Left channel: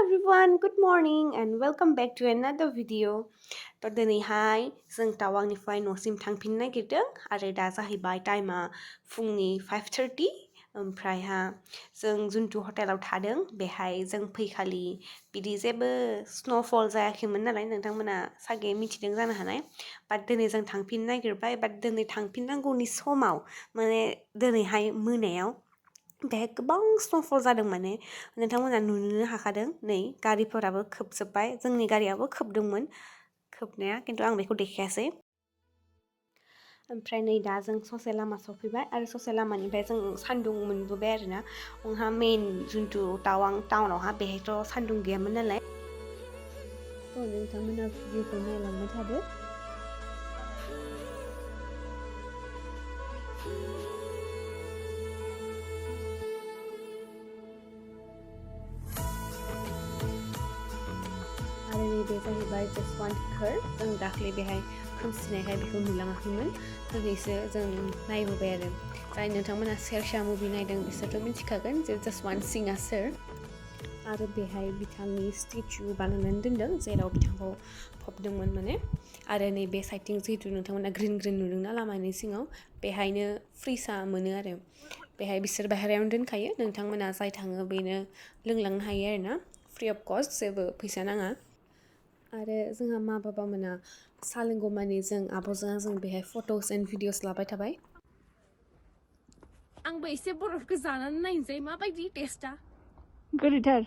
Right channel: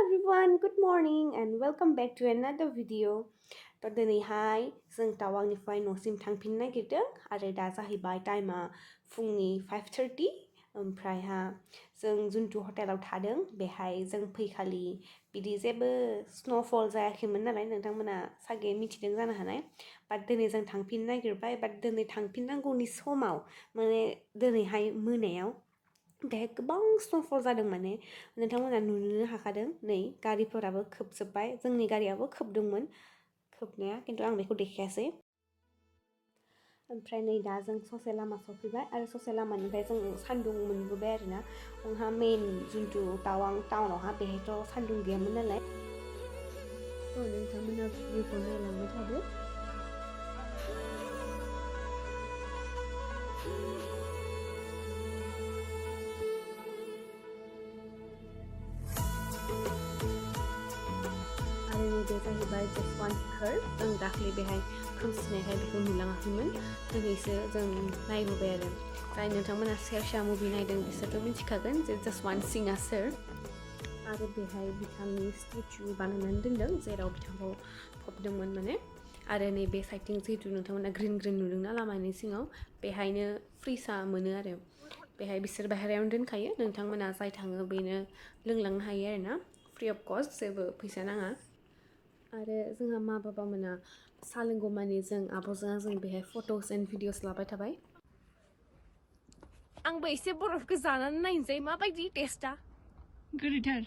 everyone, good morning and welcome back to another video. दिनैहाय जों टावांनिफ्राय न'सिम थांफिननो नागिरदों आरो दा जाहैबाय टाइमा फुंनि 5:30 ओमफ्रायहा जों जुन्थु हटेलाव थादों बेहाय जों फैखालि बिदि जेबो स्नोफल जायाखैमोन नालाय नोंथांमोना सागे मिथिदों जानो हानाय बाट दिनै जों थांफिननो नागिरबाय बाट दिनै थांफिननांगौनि समाव माने दिनैहाय मोनायाव बेहाय गोबां स्नोफल जादों माने नोंथांमोना नुनो हाखादों नै गारिफोराबो खोबजोब्बाय जोंनि गारियाबो खोबदोंमोन खोबनाया खिन्थु आं बेखौ देखायासै ओमफ्राय नै दा जों ससे लामा सफैबाय आरो ससे लामानिफ्राय जों सान्दुं मोनबोबाय आरोना जोंहा मेइन जुन्थु टावां टाउनावहा बेहायथ' सान्दुं गैयामोन नालाय नोंथांमोना भिउखौ नायलांबाय थादो बे जाहैबाय जास्ट थर जों दाख्लै बेहाय खोमसिनायखाय बेखौ नुलाङाखैमोन दिनैसो जों नायबोबाय आरो जाय नोंथांमोना सेरशा मुभि नायदों बिसोरथ' मिथिखागोन जे जास्ट वान सिंआ सोर आरो बेहाय बिथांनि स्टेचु बानायनानै दोनदों जेराव बिथांखौ फबदोंमोन माने आरो नैबे साइडथिं जिहेतु नोंथांमोना ग्रिन ग्रिन नुदोंना लामानि सिङाव बेहायनो फ्रिसा मोनो आरो बेहाय बिसोर बाहेरायावनो दोनखायो नोंथांमोना जाय थाङो बेनो लोंलांनो हायो आरोना फ्रि अफ कस्ट जेबो फैसा नाङा आरो जोंहा मा बाबा मोना सा लोंगौमानि जों आब'जों जों बेहाय फट'स एन्ड भिडिअस लाबाय थाबाय आंबो एसे बरफखौ जानानै नायनोसै माबायदि टेस्टआ गोदैथार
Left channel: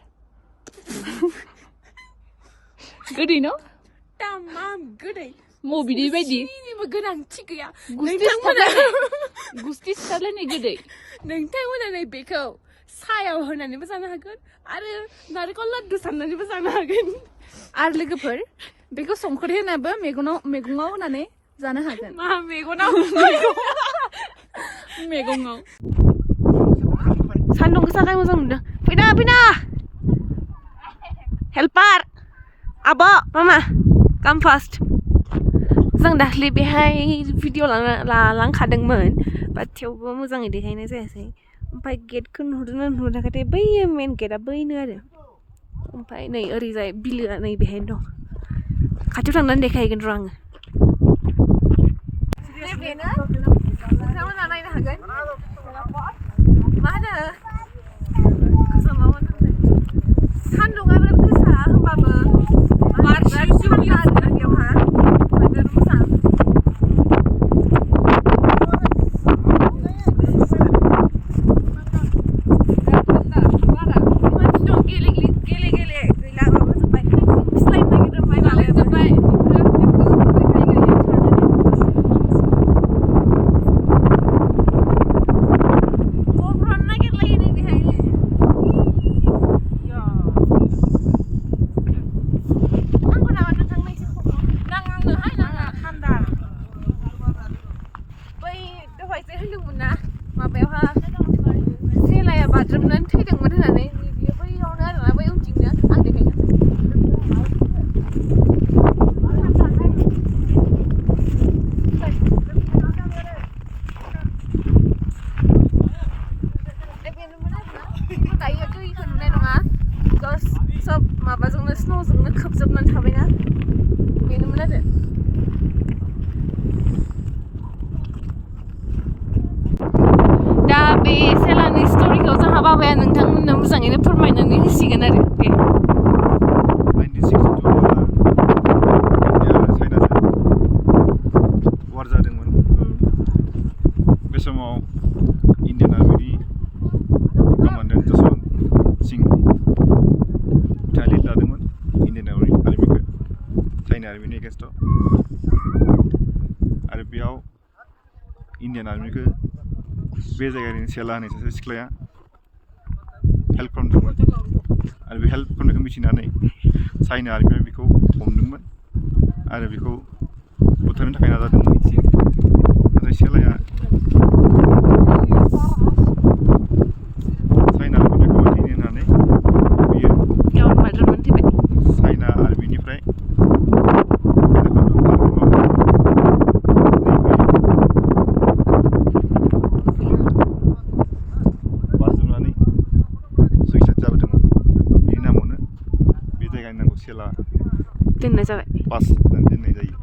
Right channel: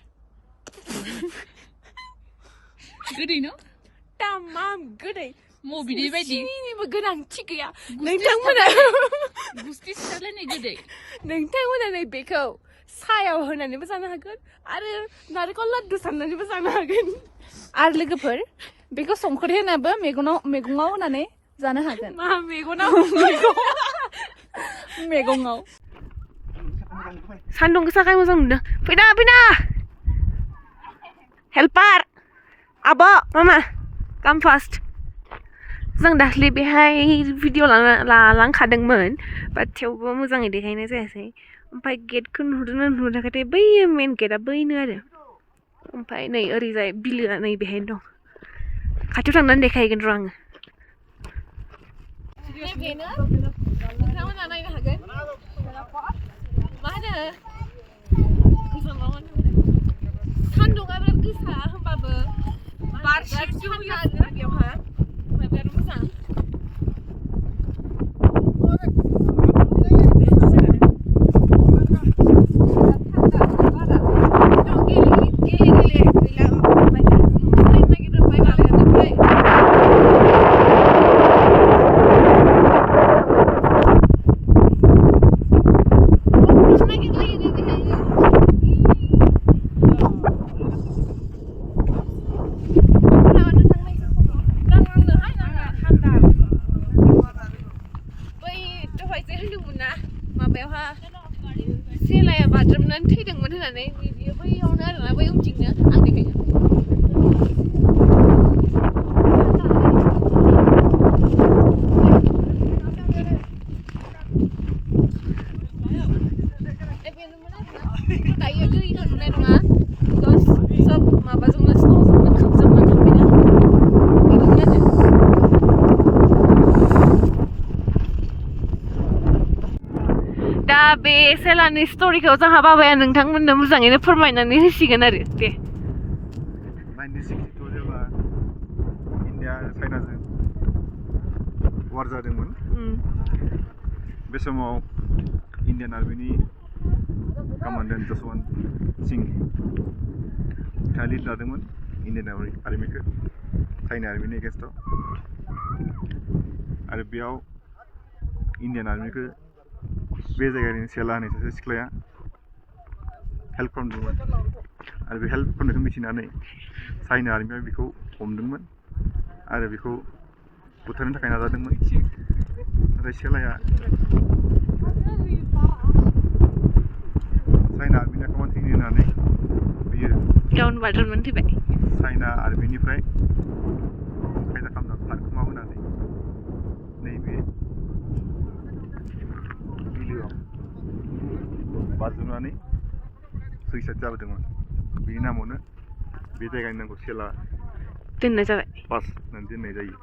गोदै न' तामाम गोदै बिदि बायदि जेनिबो गोनांथि गैया गुस्ति सिथारलायनाय गोदै नोंथांमोना नै बेखौ सायाव होनानैबो जानो हागोन आरो नारेंखल लाद्दु साननानैबो जानो हागोन आरो लोगोफोर बेखौ संख्रि होनाबो मैगङाव होनानै जानो हागोन मा मैगङाव सान्दुं गोसाखाय मोजां नुदों फैना हेल्पार आब' मामा काम फास्ट जों दाख्लै बेहाय भिडिअ लालांखादोंमोन बाट थेवबो मोजाङै देखायनाय जायासै ओमफ्राय गेटखौ नुहुरदोंना नुहुराखैथाय बै मेन गेटआ बैनो आरो ओमफ्राय नै ओरैजाय बिलोआ नै बेहायनो दं खाथियाव थांनानै देखायहैगोन र' आङो बेनो नोंथांमोना नायनो हागोन मा होनो सान्दुङा बिराद गोसा होमबाबो बिराद थान्दा आरो बेयावहा बिराद मोजां माबायावहा सेलाया बाज्रुमनानै थैदोंमोन होननानै बियो बैयावनो आरोना बै उनथिंनो आं देखायनो बेनोमोन आरोना दायो दैखौ नुनाय नङा बिकज सब माबाजोंनो स्न'जोंनो खोबजोबनानै थाबायना बेनोमोन आरो दा बे सेलानि स्ट'रिखौ जोंहा बाबाया नोंथांमोननो मोजाङैनो फोरमायनानै होसिगोन आरो दे वार जादोंमोन बे समाव इन्डियान आर्मिनि कमान्डेन्ट जसवन्त सिं बिथाङा लिड लादोंमोन इन्डियान आर्मिखौ चाइना आर्मिनि एगेन्स्टआव आरो बेयाव इन्डियान आर्मिखौ बे जायगानि सेला होनाय सासे सिख्लाया हेल्प खालामदोंमोन आरो बे हेल्प खालामनायखौ मिथिनानै चाइना आर्मिया बेखौ हमदोंमोन आरो बेखौ बुथारनो थाखाय नाजादोंमोन नाथाय सेलाया चाइना आर्मिनि खामानि होनानै बियो गावनो बाज्रुमनानै थैबाय चाइना आर्मिनिफ्राय जायगानि नामखौ सेला दोननाय जाबाय पास होननानै दोननाय जायो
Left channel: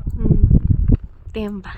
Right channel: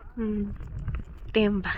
दे होमबा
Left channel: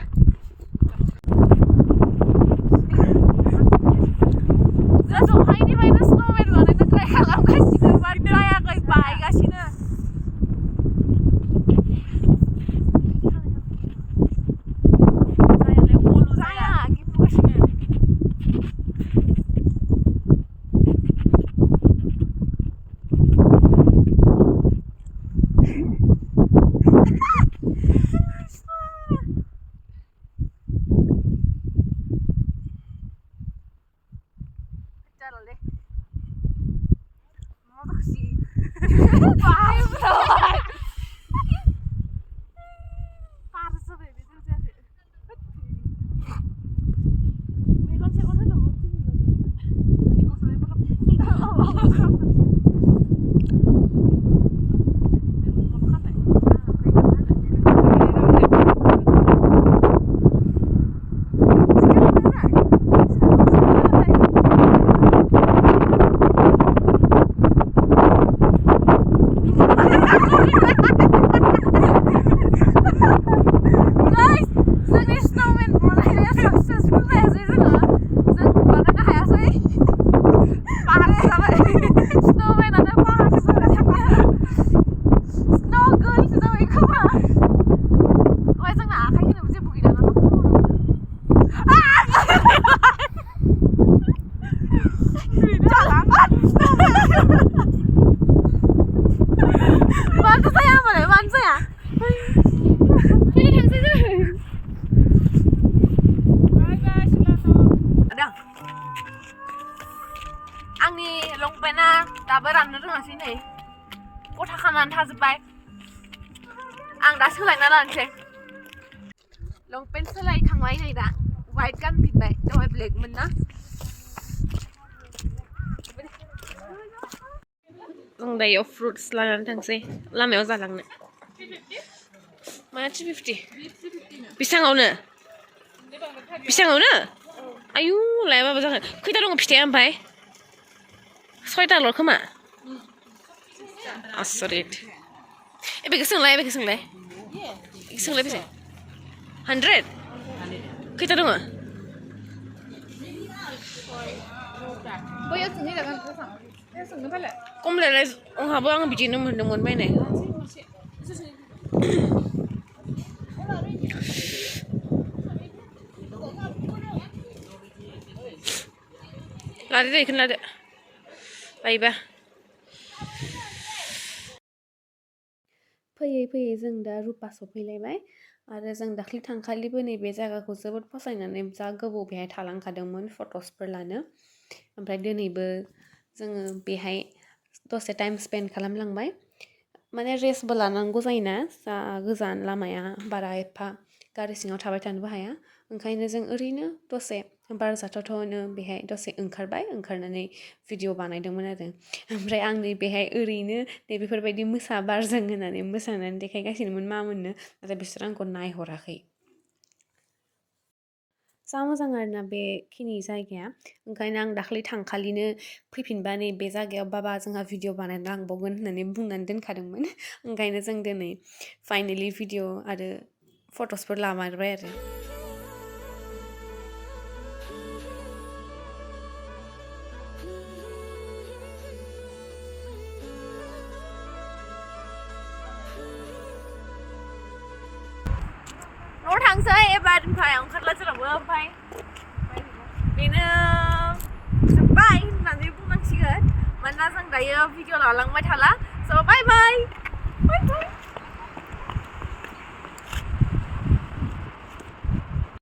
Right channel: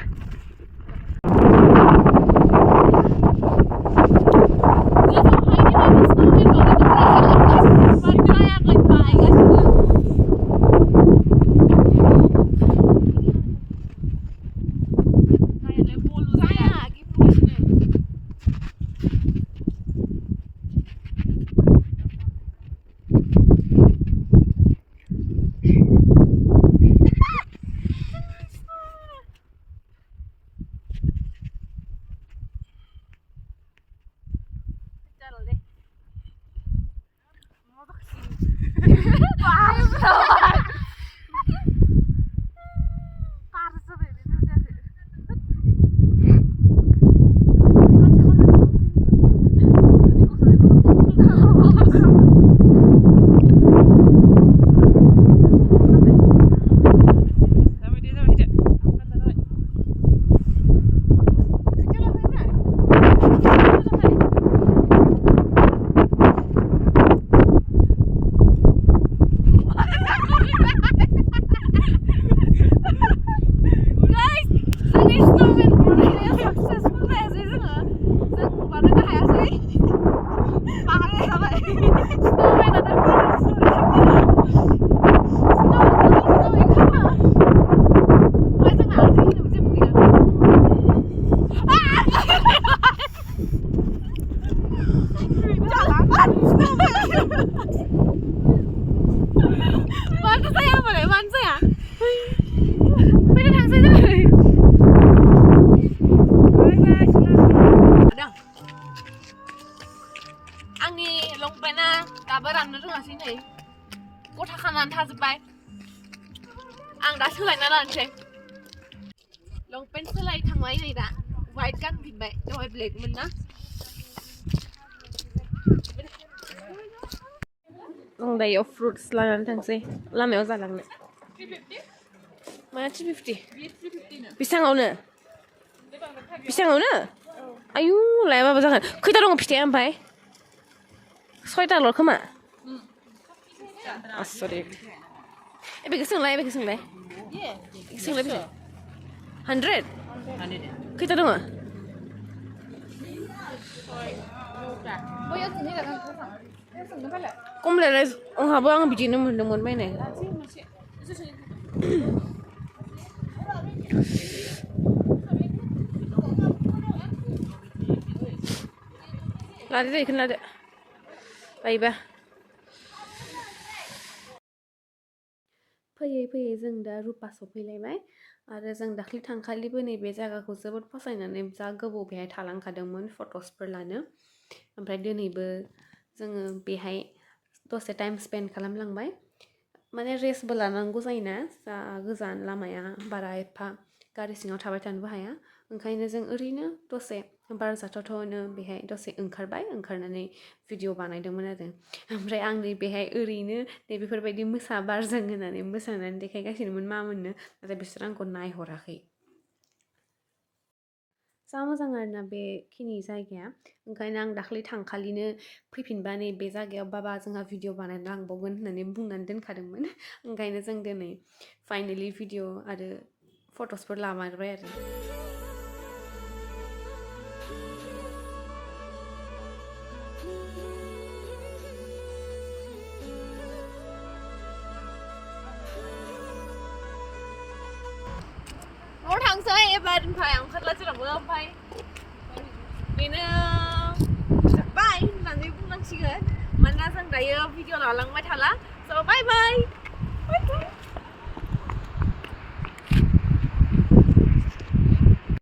आंनि लंपेन्टआ दाबो राननो रोङासै नै गथा खानानै थाजोब्बाय आं दा सोलायना लानोसै लंपेन्ट सोलायखांबाय नै दा व्हाइट गानफिनबाय दहाय ब्लेकमोन ना आं दायो फ्रुट्स लानानै थांसै लामायाव जालांनो मा 350 बेसाङावनो आयु लायाबाबो जागोन खैथा दङ फिथाइया ओमफ्राय 6टाल' खोमा आसरित बेखौ सोंलाय सोंलाय बेसे 100 खैथा दङ खमलायलाय आंहाबो आं बिदिनो मोनदोंमोन बायनाय लादो दे बेखौनो लादो बायबा फैयै फैयै जों दा रुपा सफैलायबाय आरो जों दाख्लै थांखालिबो नैबे जायगाखौ जोबोद फसायनानै जा गोबाव बेहाय थालांखादोंमोन फट'सफोर लानो ओमफ्राय दिनैबो जोङो बेहाय दसे टाइम स्पेन्ड खालामलांबाय माने रेस्टबो लानांगौ जायोना जा गोजान लामाया बारा एफा गारि सिङाव थाबाय थानोबो हाया ओंखायनो जों ओरैनो दसे बार जाथावथावनो बेहाय दसे ओंखारनानै भिडिअ बानायदोंमोन आरो ओमफ्राय आं नै बेहाय ओरैनो नै बेफोरबायदि मोसा बारजों होनानै मोसानानै देखायगासिनोमोन मा मोननो नाथाय बिसोर आंखौ नायहराखै जा मोजां आरोना बेखिनि जायगाया ओंखायनो आं दाख्लै थांखालिनो फैफिनबा नै बे जायगायाव बाबा जोंहा भिडिअ बानायना लांबावगोन होननानै बुंनानै दोनखादोंमोन ओंखायनो जों दिनै फाइनेलि भिडिअ आरो फट'सफोर लामारबाय आरो न'आव थांसै एबार ओमफ्राय ओंखारला जेरावबो ओमफ्राय बेनो जोब्बाय होननानै बुंनांसिगोन मानोना जों दायो भिडिअ लालांबाय थाला स' बाय बाय